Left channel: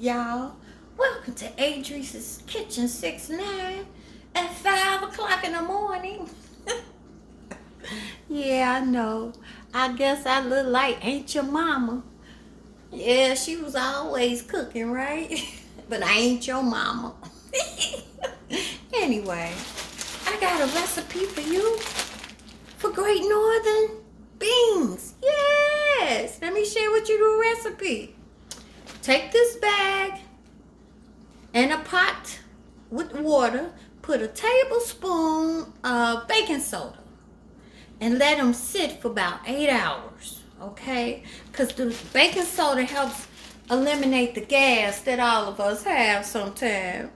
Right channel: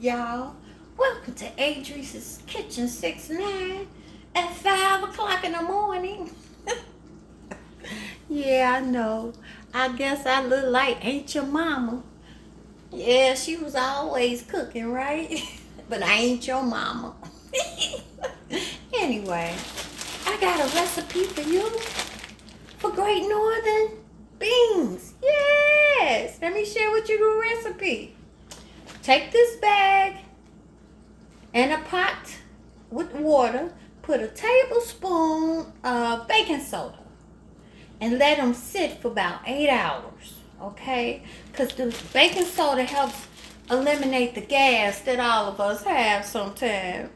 y'all. Welcome to Adrice's Kitchen 69 at 5 o'clock in the morning. Yeah, I know. I guess I look like ain't your mama. Yeah, she was always cooking, right? But I ain't your mama. Anyway, I got a recipe for you for Great Northern beans. Yes, let me share with you the recipe. Take this bag and a pot with water. Put a tablespoon of baking soda and let them sit for about 8 hours, okay? Because the baking soda helps eliminate the gas that all of us have sometimes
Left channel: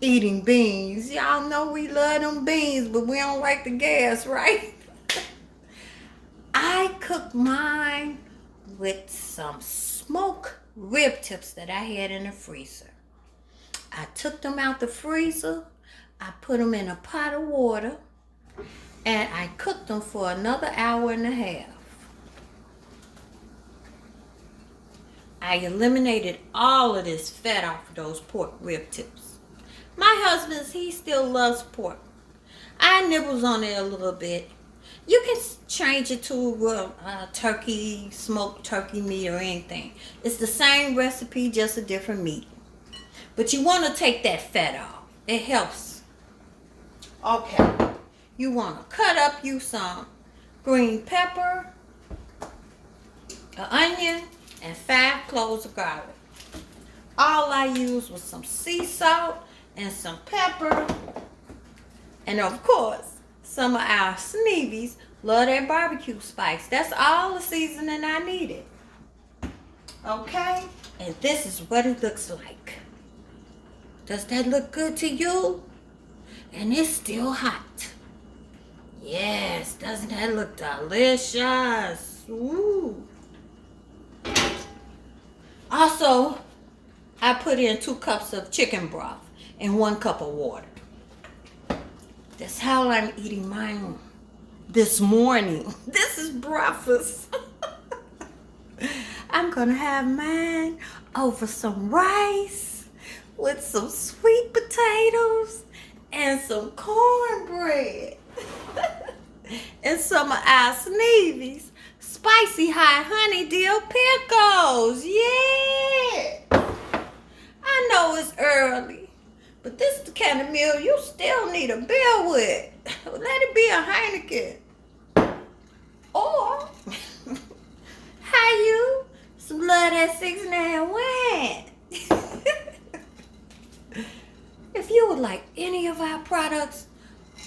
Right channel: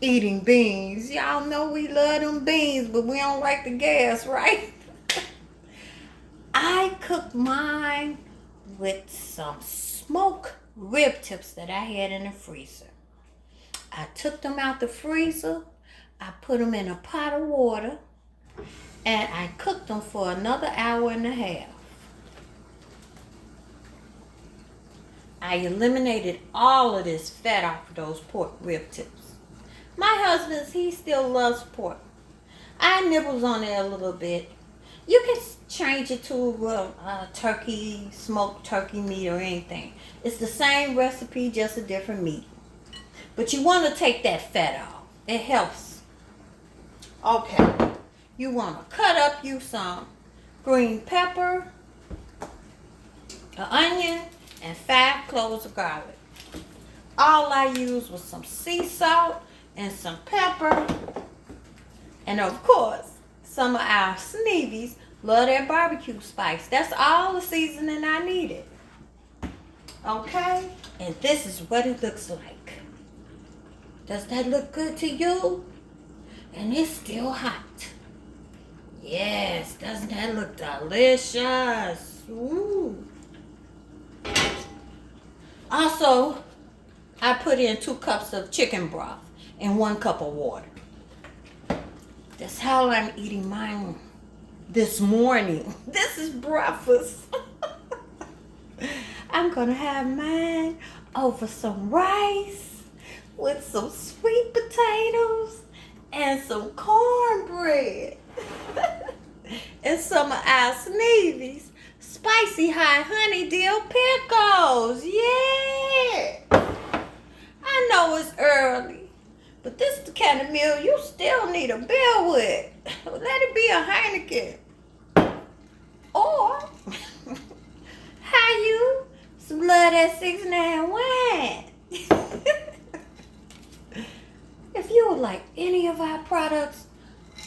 eating beans. Y'all know we love them beans, but we don't like the gas, right? I cooked mine with some smoked rib tips that I had in the freezer. I took them out the freezer, I put them in a pot of water, and I cooked them for another hour and a half. I eliminated all of this fat off of those pork rib tips. My husband, he still loves pork. I nibbles on it a little bit. You can change it to turkey, smoked turkey meat or anything. It's the same recipe, just a different meat. But you want to take that fat off. It helps. Okay. You want to cut up you some green pepper, an onion, and 5 cloves of garlic. All I used was some sea salt and some pepper. And of course, some of our Sneevies love their barbecue spice. That's all the seasoning I needed. Okay? And this is what it looks like. Does that look good to you? And it's still hot. Yes, doesn't that look delicious? Ooh. Also, I put in 2 cups of chicken broth and 1 cup of water. That's how I'm eating mine this morning. This is breakfast. I'm gonna have mine over some rice with some sweet potatoes and some cornbread. And some of our Sneevies spicy hot honey dill pickles. Yeah. I know it's early, but this is the kind of meal you still need a bill with. Let it be a Heineken. Or, how you some love that 69 wine. If you would like any of our products,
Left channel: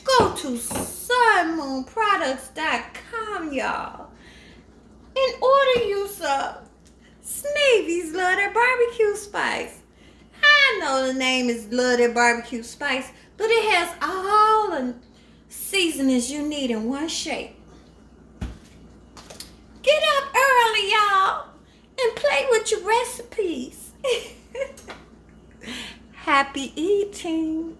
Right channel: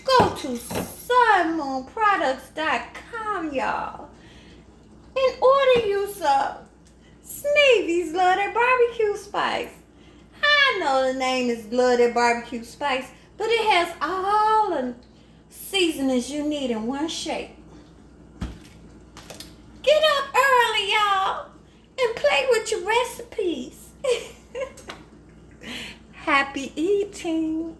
go to sunmoonproducts.com, y'all, and order you some. Sneevies love their barbecue spice. I know the name is love their barbecue spice, but it has all the seasonings you need in one shape. Get up early, y'all, and play with your recipes. Happy eating.